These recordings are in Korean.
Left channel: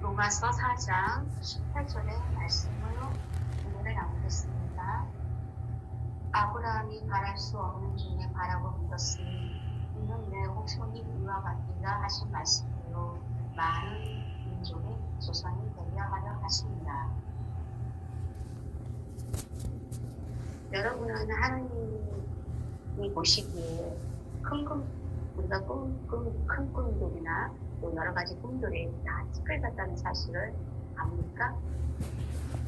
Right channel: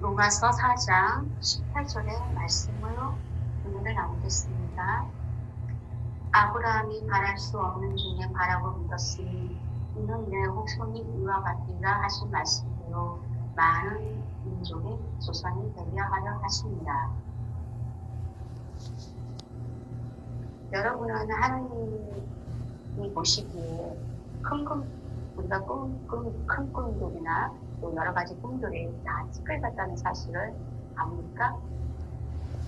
로마서 4장 18절의 말씀으로 오늘 나오겠습니다. 아브라함이 바랄 수 없는 중에 바라고 믿었으니 이는 내 후손이 이와 같으리라 하신 말씀이요 많은 민족의 조상이 되려 하려 하십니다. 여러분은 하나님이 보시기에 우리가 큰 꿈들이나 또 여러 가지 꿈들이 다 찌끌렸다는 사실을 압니까?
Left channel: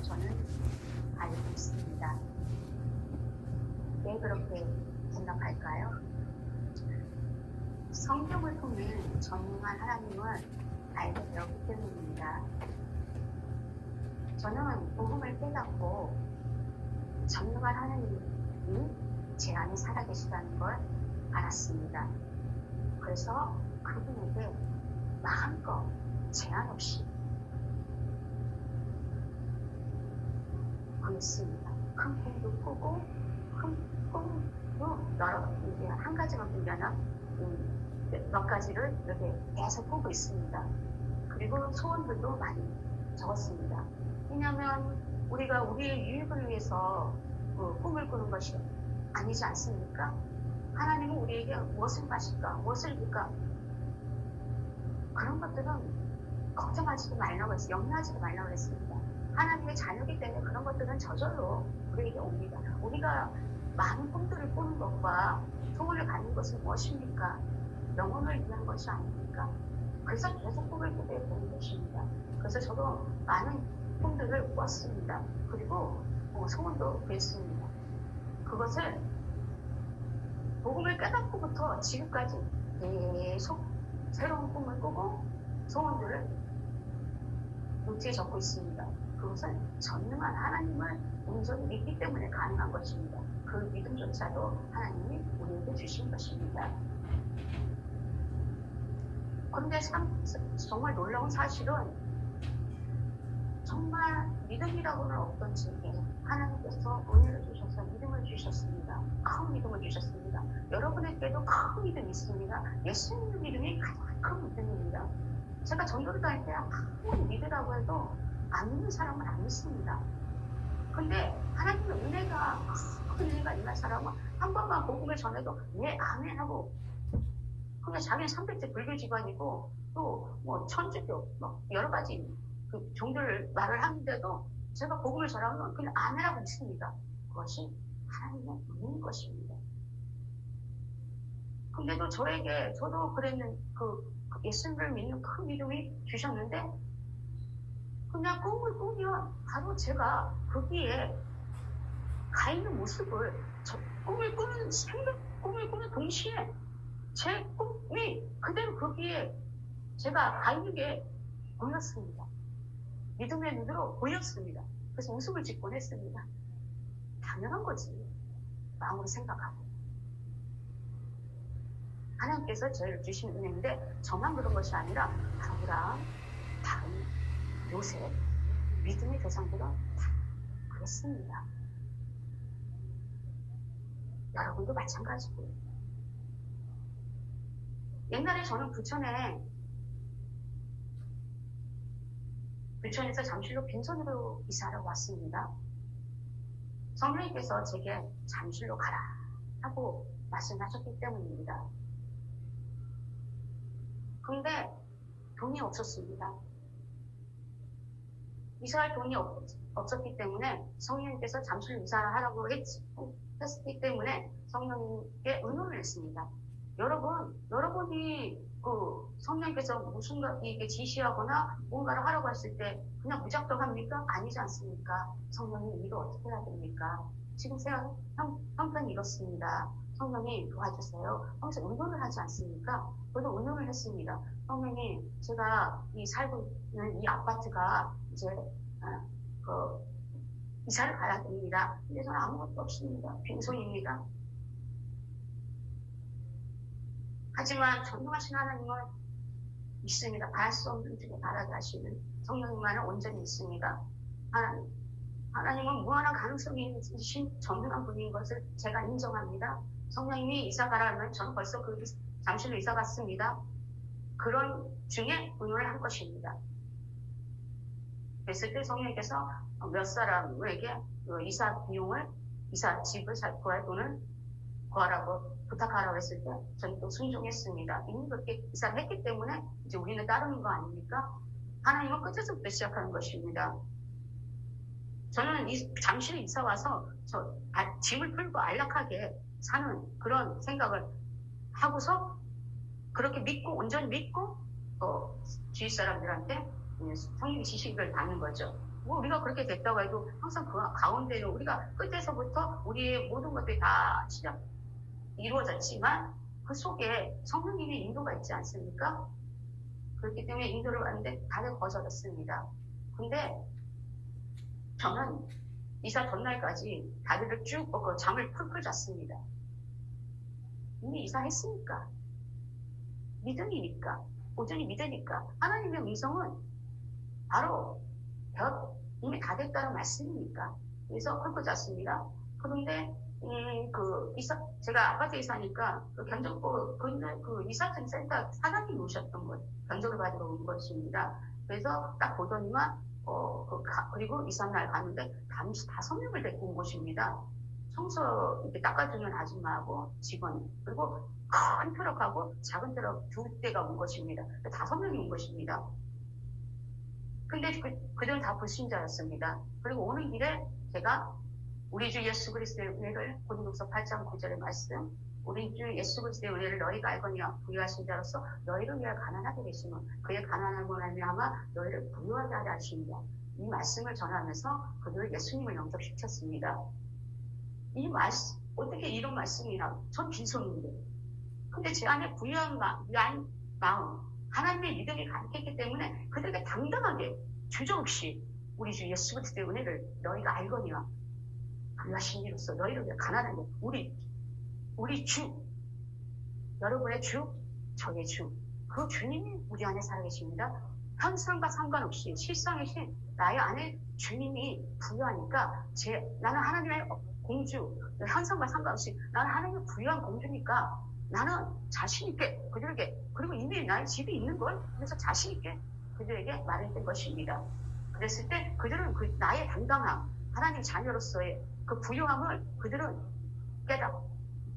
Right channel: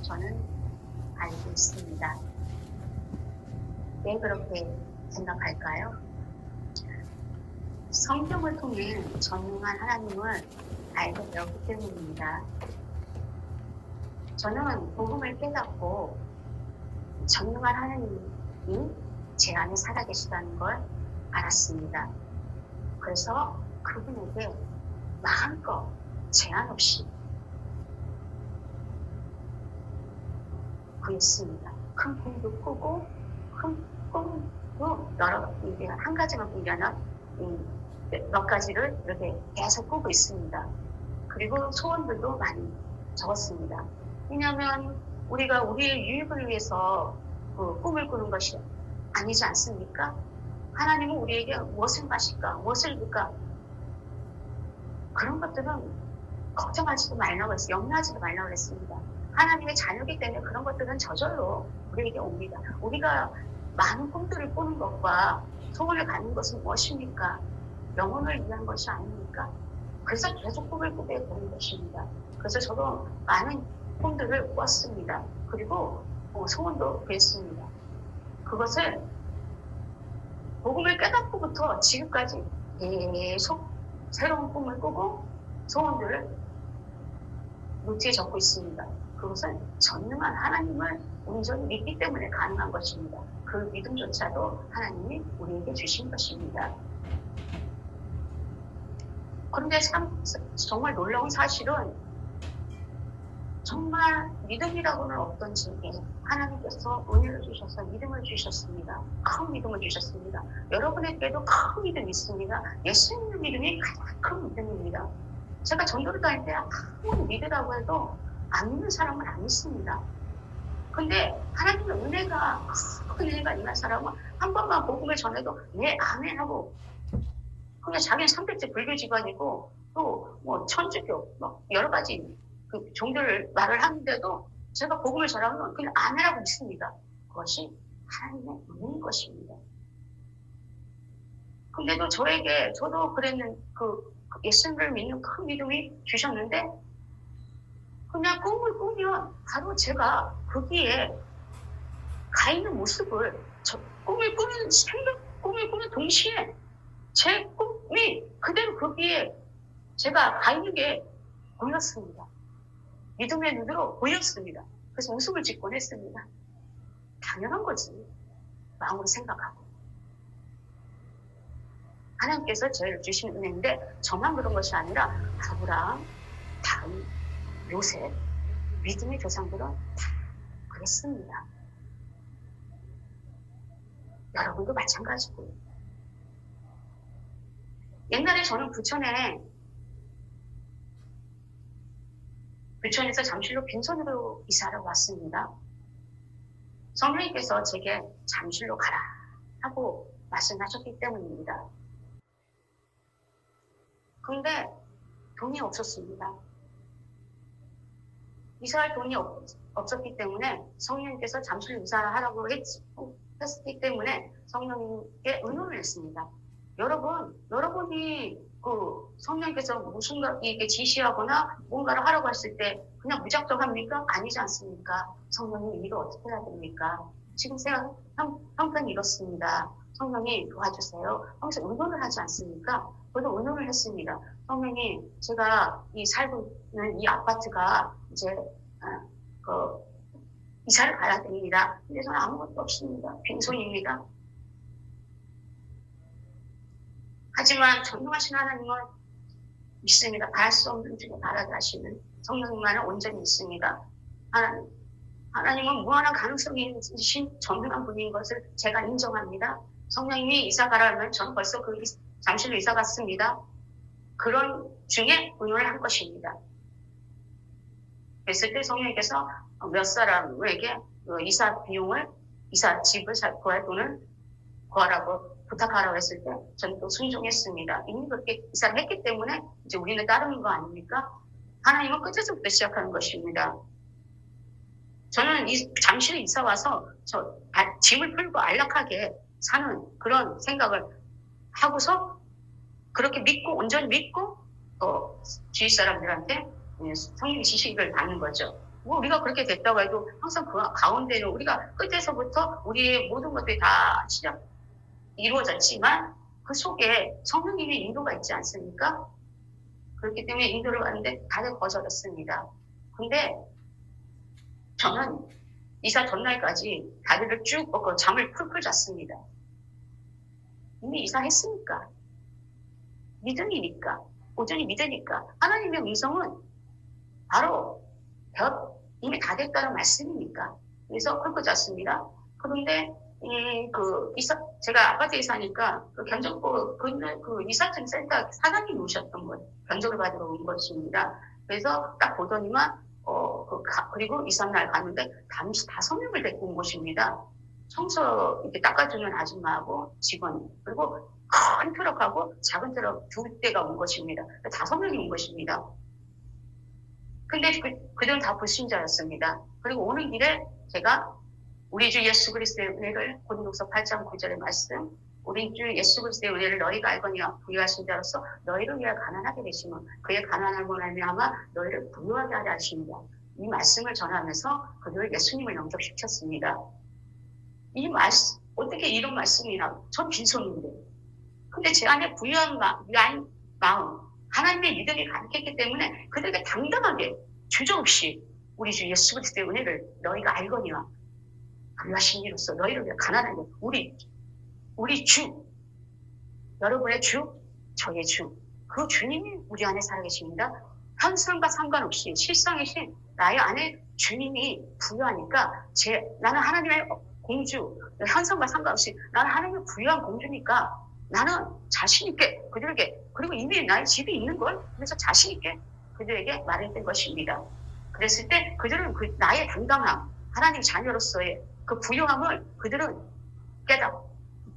저는 알고 있습니다. 왜 그렇게 생각할까요? 성경을 통해 전능한 하나님을 알게 되었기 때문입니다. 저는 복음을 깨닫고 전능한 하나님이 제 안에 살아계시다는 걸 알았습니다. 그래서 그분에게 마음껏 제한 없이 구했습니다. 큰 꿈도 꾸고 큰 꿈도 이게 한 가지만 꾸려는 몇 가지를 이렇게 계속 꾸고 있습니다. 그리고 소원들도 많이 적었습니다. 왜냐하면 우리가 우리의 유익을 위해서 꿈을 꾸는 것이 아니지 않습니까? 하나님은 우리에게 무엇을 마실까? 무엇을 줄까? 그런 것들은 걱정하지도 말라고 했어요. 염려하지도 말라고 했습니다. 하나님의 자녀이기 때문에 그런 것들은 저절로 우리에게 옵니다. 우리가 많은 꿈들을 꾸는 것과 소원을 갖는 것은 무엇입니까? 영혼을 위한 것이 아닙니까? 그래서 계속 꿈을 꾸게 되는 것입니다. 그래서 저도 많은 꿈들을 꿨습니다. 그리고 소원도 구했습니다. 그것을 복음을 깨닫고부터 지금까지 계속 새로운 꿈을 꾸고 소원들을 노트에 적고 있습니다. 그것은 전능한 하나님을 온전히 믿기 때문에 가능한 것입니다. 그 믿음조차도 하나님이 우리에게 주신 것입니다. 그런데 정말 놀라운 사실은 정말 믿음이라고는 없던지 하나님께서 은혜를 주셔서 믿음을 주셨습니다. 큰 믿음을 주셨습니다. 여러분에게도 큰 믿음이 있습니다. 예수님의 믿음이 가장 큰 믿음입니다. 제가 전도를 다닐 때 아무리 믿으라고 해도 안 믿는 사람은 안 믿습니다. 근데 하나님의 은혜가 큰 은혜가 있는 사람은 한 번만 복음을 전해도 네 아멘 하고 그냥 자기는 300째 불교 집안이고 또 뭐 천주교 여러 가지 그 종교를 말을 하는데도 제가 복음을 전하면 그냥 아멘하고 믿습니다. 그것이 하나님의 은혜인 것입니다. 근데도 저도 그랬는 예수님을 믿는 큰 믿음이 주셨는데 그냥 꿈을 꾸면 바로 제가 거기에 가 있는 모습을 꿈을 꾸는 동시에 제 꿈이 그대로 거기에 제가 가 있는 게 보였습니다. 믿음의 눈으로 보였습니다. 그래서 웃음을 짓곤 했습니다. 당연한 거지. 마음으로 생각하고. 하나님께서 저희를 주신 은혜인데 저만 그런 것이 아니라 아브라함, 다음, 요셉, 믿음의 조상들은 다 그랬습니다. 여러분도 마찬가지고요. 옛날에 저는 부천에서 잠실로 빈손으로 이사를 왔습니다. 성령님께서 제게 잠실로 가라 하고 말씀하셨기 때문입니다. 그런데 돈이 없었습니다. 이사할 돈이 없었기 때문에 성령님께서 잠실로 이사하라고 했기 때문에 성령님께 의논을 했습니다. 여러분이 성령님께서 무슨가 이게 지시하거나 뭔가를 하라고 했을 때 그냥 무작정 합니까? 아니지 않습니까? 성령님 이거 어떻게 해야 됩니까? 지금 형편이 이렇습니다. 성령님 도와주세요. 하면서 의논을 하지 않습니까? 저도 의논을 했습니다. 성령님 제가 살고 있는 이 아파트가 이제 이사를 가야 됩니다. 근데 저는 아무것도 없습니다. 빈손입니다. 하지만 전능하신 하나님은 믿습니다. 바랄 수 없는 중에 바라게 하시는 성령님만은 온전히 믿습니다. 하나님은 무한한 가능성이 있으신 전능한 분인 것을 제가 인정합니다. 성령님이 이사 가라면 저는 벌써 잠실로 이사 갔습니다. 그런 중에 의논을 한 것입니다. 그랬을 때 성령님께서 몇 사람에게 이사 비용을, 이사 집을 구할 돈을 구하라고 부탁하라고 했을 때 저는 또 순종했습니다. 이미 그렇게 이사를 했기 때문에 이제 우리는 따르는 거 아닙니까? 하나님은 끝에서부터 시작하는 것입니다. 저는 잠실에 이사 와서 짐을 풀고 안락하게 사는 그런 생각을 하고서 그렇게 믿고 온전히 믿고 주위 사람들한테 성령 지식을 받는 거죠. 뭐 우리가 그렇게 됐다고 해도 항상 그 가운데는 우리가 끝에서부터 우리의 모든 것들이 다 이루어졌지만 그 속에 성령님의 인도가 있지 않습니까? 그렇기 때문에 인도를 받는데 다들 거절했습니다. 근데 저는 이사 전날까지 다리를 쭉 뻗고 잠을 풀풀 잤습니다. 이미 이사했으니까. 믿음이니까. 온전히 믿으니까. 하나님의 음성은 바로 이미 다 됐다는 말씀이니까. 그래서 풀풀 잤습니다. 그런데 제가 아파트에 사니까 견적부 그 이사증 센터 사장님이 오셨던 거예요. 견적을 받으러 온 것입니다. 그래서 딱 보더니만 그리고 이삿날 갔는데 잠시 5명을 데리고 온 것입니다. 청소 이렇게 닦아주는 아줌마하고 직원, 그리고 큰 트럭하고 작은 트럭 2대가 온 것입니다. 5명이 온 것입니다. 근데 그들은 다 불신자였습니다. 그리고 오는 길에 제가 우리 주 예수 그리스도의 은혜를 고린도서 8장 9절의 말씀, 우리 주 예수 그리스도의 은혜를 너희가 알거니와 부유하신 자로서 너희를 위하여 가난하게 되시면 그의 가난함으로 말미암아 너희를 부유하게 하려 하십니다. 이 말씀을 전하면서 그들을 예수님을 영접시켰습니다. 이 말씀, 어떻게 이런 말씀이나, 전 빈손인데. 근데 제 안에 부유한 마음, 하나님의 믿음이 가득했기 때문에 그들에게 당당하게 주저없이 우리 주 예수 그리스도의 은혜를 너희가 알거니와 부유하신 이로써 너희를 위해 가난하게 우리 주, 여러분의 주, 저의 주, 그 주님이 우리 안에 살아계십니다. 현상과 상관없이 실상이신 나의 안에 주님이 부유하니까 나는 하나님의 공주, 현상과 상관없이 나는 하나님의 부유한 공주니까 나는 자신있게 그들에게, 그리고 이미 나의 집이 있는걸, 그래서 자신있게 그들에게 말했던 것입니다. 그랬을 때 그들은 나의 당당함, 하나님 자녀로서의 그 부유함을 그들은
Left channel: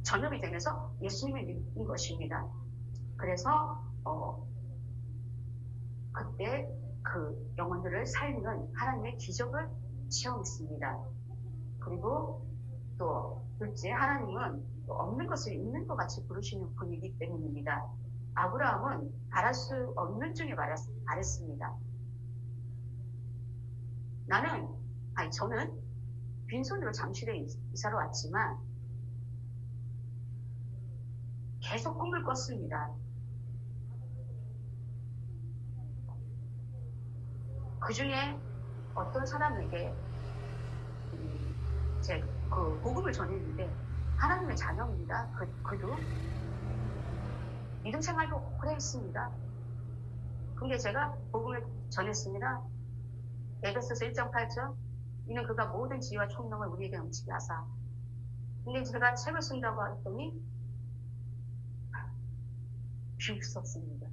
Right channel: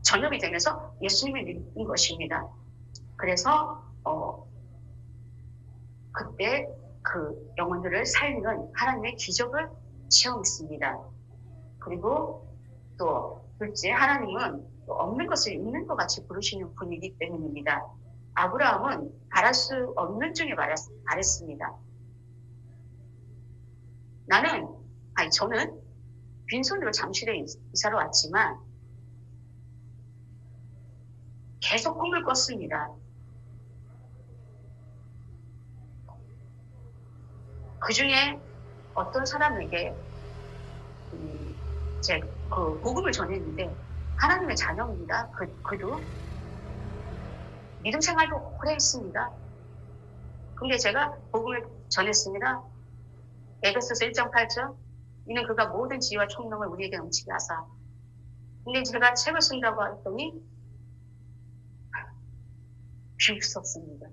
전염이 되면서 예수님을 믿는 것입니다. 그래서 그때 그 영혼들을 살리는 하나님의 기적을 체험했습니다. 그리고 또 둘째, 하나님은 없는 것을 있는 것 같이 부르시는 분이기 때문입니다. 아브라함은 바랄 수 없는 중에 바랬습니다. 저는 빈손으로 잠실에 이사를 왔지만 계속 꿈을 꿨습니다. 그 중에 어떤 사람에게 제가 그 복음을 전했는데 하나님의 자녀입니다. 그도 믿음 생활도 오래 했습니다. 근데 제가 복음을 전했습니다. 에베소서 1장 8절, 이는 그가 모든 지혜와 총명을 우리에게 넘치게 하사. 근데 제가 책을 쓴다고 했더니 비웃었습니다.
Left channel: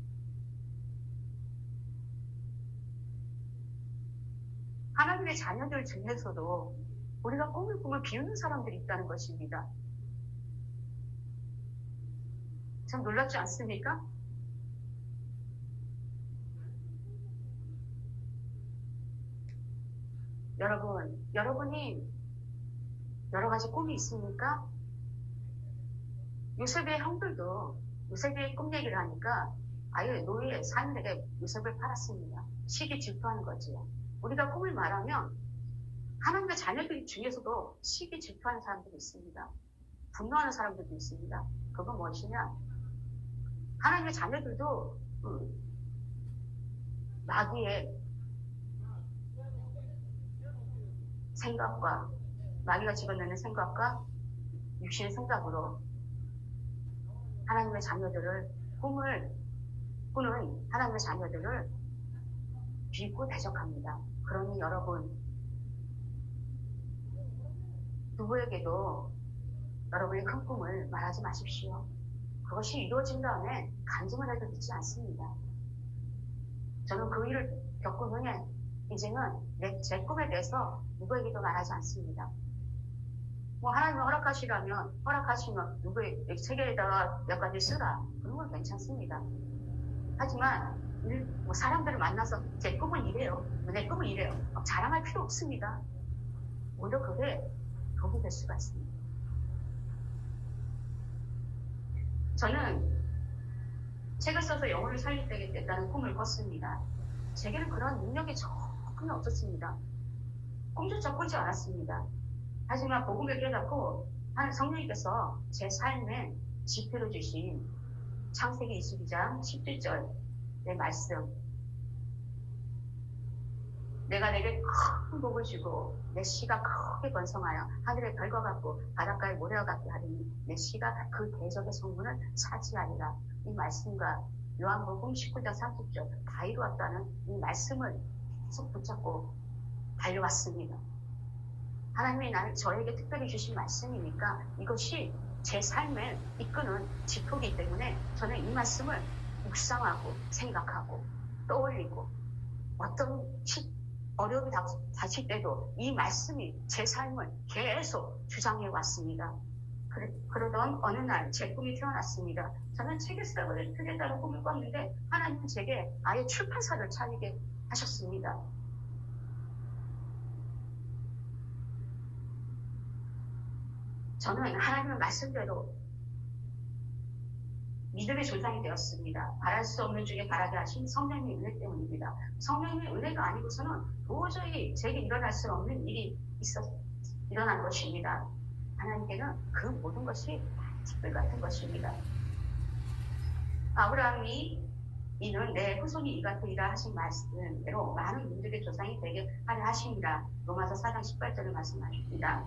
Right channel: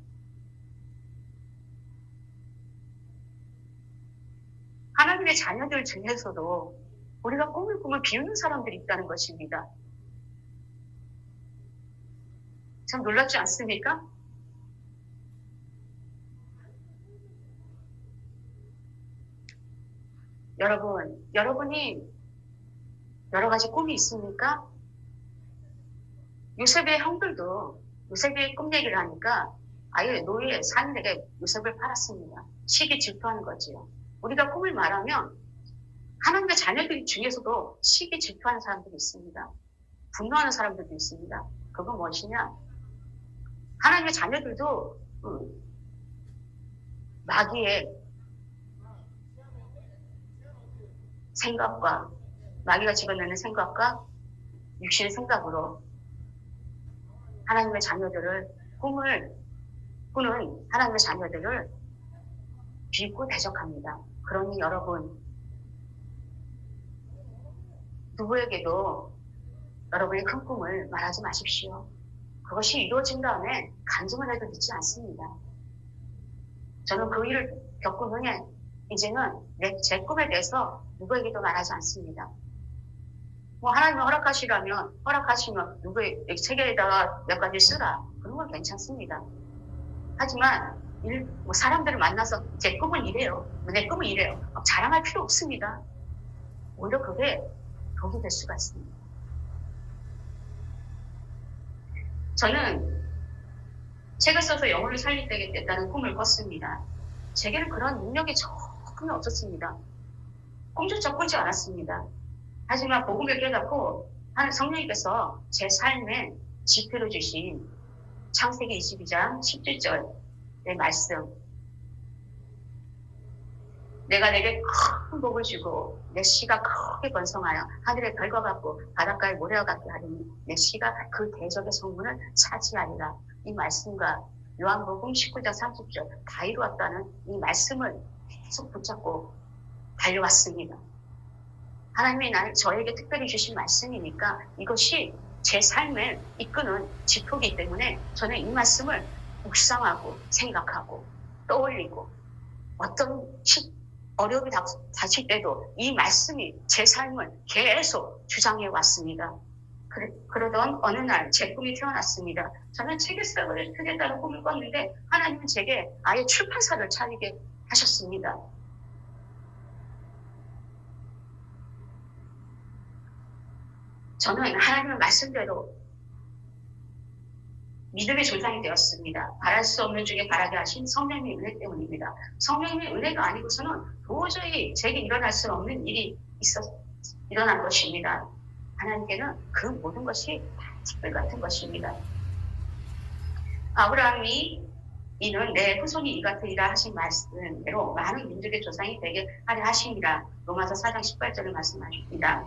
하나님의 자녀들 중에서도 우리가 꿈을 꾸면 비웃는 사람들이 있다는 것입니다. 참 놀랍지 않습니까? 여러분이 여러 가지 꿈이 있습니까? 요셉의 형들도 요셉의 꿈 얘기를 하니까 아예 노예 사인에게 요셉을 팔았습니다. 시기 질투하는 거지요. 우리가 꿈을 말하면 하나님의 자녀들 중에서도 시기 질투하는 사람들이 있습니다. 분노하는 사람들도 있습니다. 그건 무엇이냐? 하나님의 자녀들도 마귀의 생각과 마귀가 집어내는 생각과 육신의 생각으로 하나님의 자녀들을 꿈을 꾸는 하나님의 자녀들을 비웃고 대적합니다. 그러니 여러분, 누구에게도 여러분의 큰 꿈을 말하지 마십시오. 그것이 이루어진 다음에 간증을 해도 늦지 않습니다. 저는 그 일을 겪은 후에 이제는 제 꿈에 대해서 누구에게도 말하지 않습니다. 뭐 하나님이 허락하시면 누구의 책에다가 몇 가지 쓰라. 그런 건 괜찮습니다. 하지만 뭐 사람들을 만나서 제 꿈은 이래요. 내 꿈은 이래요. 자랑할 필요 없습니다. 오히려 그게 독이 될 수가 있습니다. 저는 책을 써서 영혼을 살리겠다는 꿈을 꿨습니다. 제게는 그런 능력이 전혀 없었습니다. 꿈조차 꾸지 않았습니다. 하지만 복음을 깨닫고 성령님께서 제 삶에 지표로 주신 창세기 22장 17절의 말씀, 내가 내게 큰 복을 주고 내 씨가 크게 번성하여 하늘의 별과 같고 바닷가의 모래와 같게 하리니 내 씨가 그 대적의 성문을 차지하리라. 이 말씀과 요한복음 19장 30절 다 이루었다는 이 말씀을 계속 붙잡고 달려왔습니다. 하나님이 저에게 특별히 주신 말씀이니까 이것이 제 삶을 이끄는 지표이기 때문에 저는 이 말씀을 묵상하고 생각하고 떠올리고 어떤 어려움이 닥칠 때도 이 말씀이 제 삶을 계속 주장해 왔습니다. 그러던 어느 날 제 꿈이 태어났습니다. 저는 책을 쓰겠다는 꿈을 꿨는데 하나님은 제게 아예 출판사를 차리게 하셨습니다. 저는 하나님의 말씀대로 믿음의 조상이 되었습니다. 바랄 수 없는 중에 바라게 하신 성령님의 은혜 때문입니다. 성령님의 은혜가 아니고서는 도저히 제게 일어날 수 없는 일이 일어난 것입니다. 하나님께는 그 모든 것이 다 특별 같은 것입니다. 아브라함이 이는 내 후손이 이 같으리라 하신 말씀대로 많은 민족의 조상이 되게 하려 하심이라. 로마서 4장 18절을 말씀하십니다.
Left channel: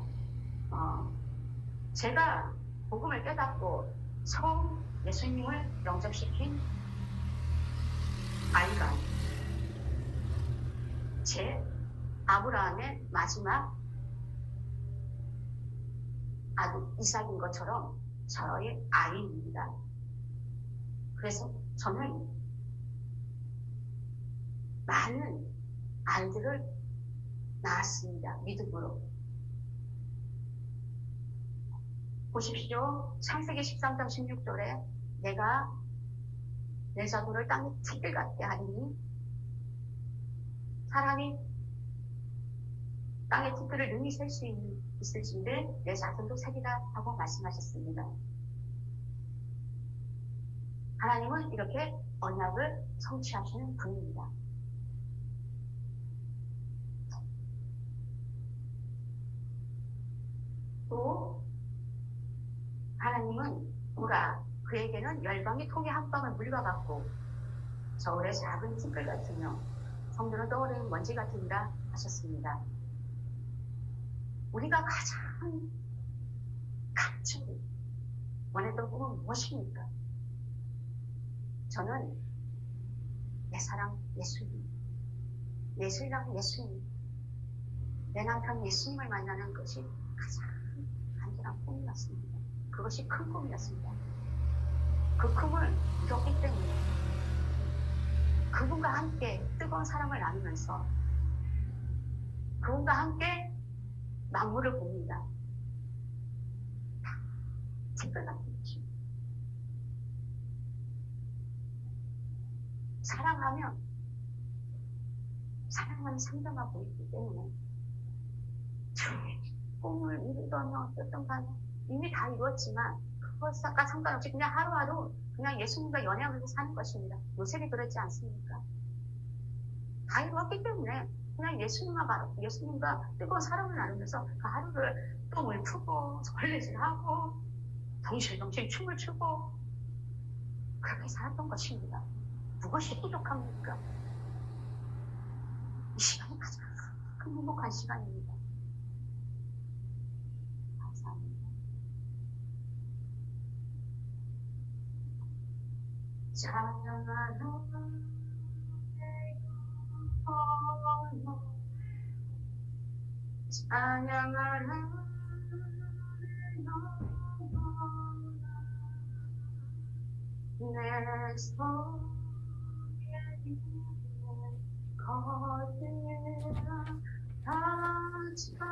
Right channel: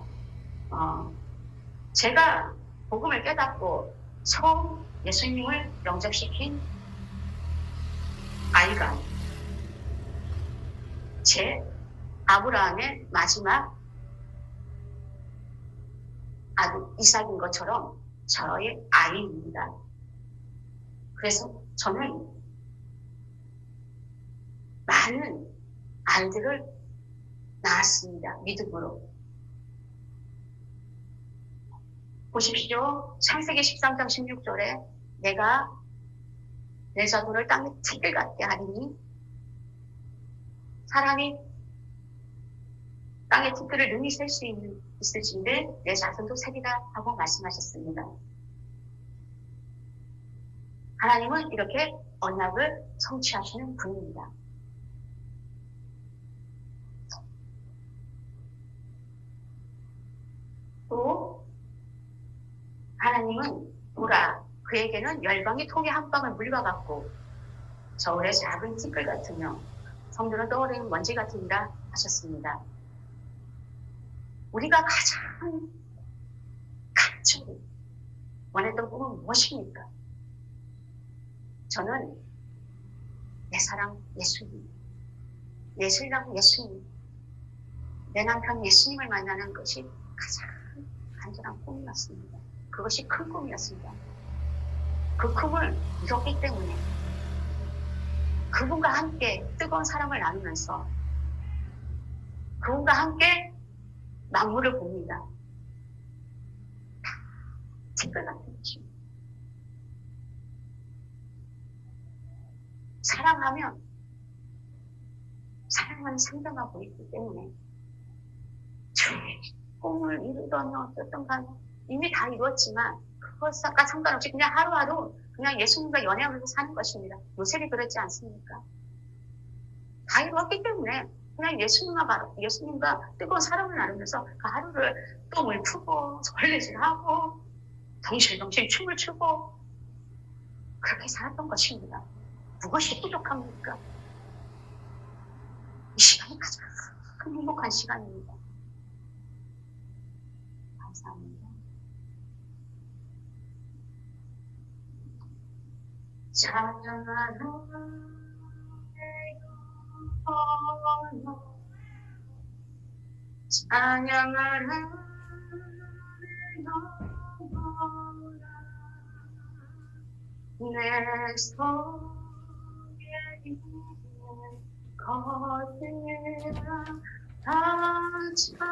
제가 복음을 깨닫고 처음 예수님을 영접시킨 아이가 제 아브라함의 마지막 아들 이삭인 것처럼 저의 아이입니다. 그래서 저는 많은 아이들을 낳았습니다. 믿음으로. 보십시오. 창세기 13장 16절에 내가 내 자손을 땅에 티끌 같게 하리니 사람이 땅의 티끌을 능히 셀 수 있을진데 내 자손도 세리라 하고 말씀하셨습니다. 하나님은 이렇게 언약을 성취하시는 분입니다. 또 하나님은 보라 그에게는 열방의 통의 한 방울 물과 같고 저울의 작은 티끌 같으며 성도는 떠오르는 먼지 같으니라 하셨습니다. 우리가 가장 간절히 원했던 꿈은 무엇입니까? 저는 내 사랑 예수님, 내 신랑 예수님, 내 남편 예수님을 만나는 것이 가장 간절한 꿈이었습니다. 그것이 큰 꿈이었습니다. 그 꿈을 이뤘기 때문에 그분과 함께 뜨거운 사랑을 나누면서 그분과 함께 만물을 봅니다. 티끌 같은 것입니다. 사랑하면 사랑은 상정하고 있기 때문에 꿈을 이루던 어떤 간 이미 다 이루었지만 그것과 상관없이 그냥 하루하루 그냥 예수님과 연애하면서 사는 것입니다. 요셉이 그렇지 않습니까? 다 이루었기 때문에 그냥 예수님과 뜨거운 사랑을 나누면서 그 하루를 똥을 푸고 걸레질하고 덩실덩실 춤을 추고 그렇게 살았던 것입니다. 무엇이 부족합니까? 이 시간이 가장 행복한 시간입니다. 감사합니다. 찬양하는 찬양하는 내 속에 있는 거짓 하지만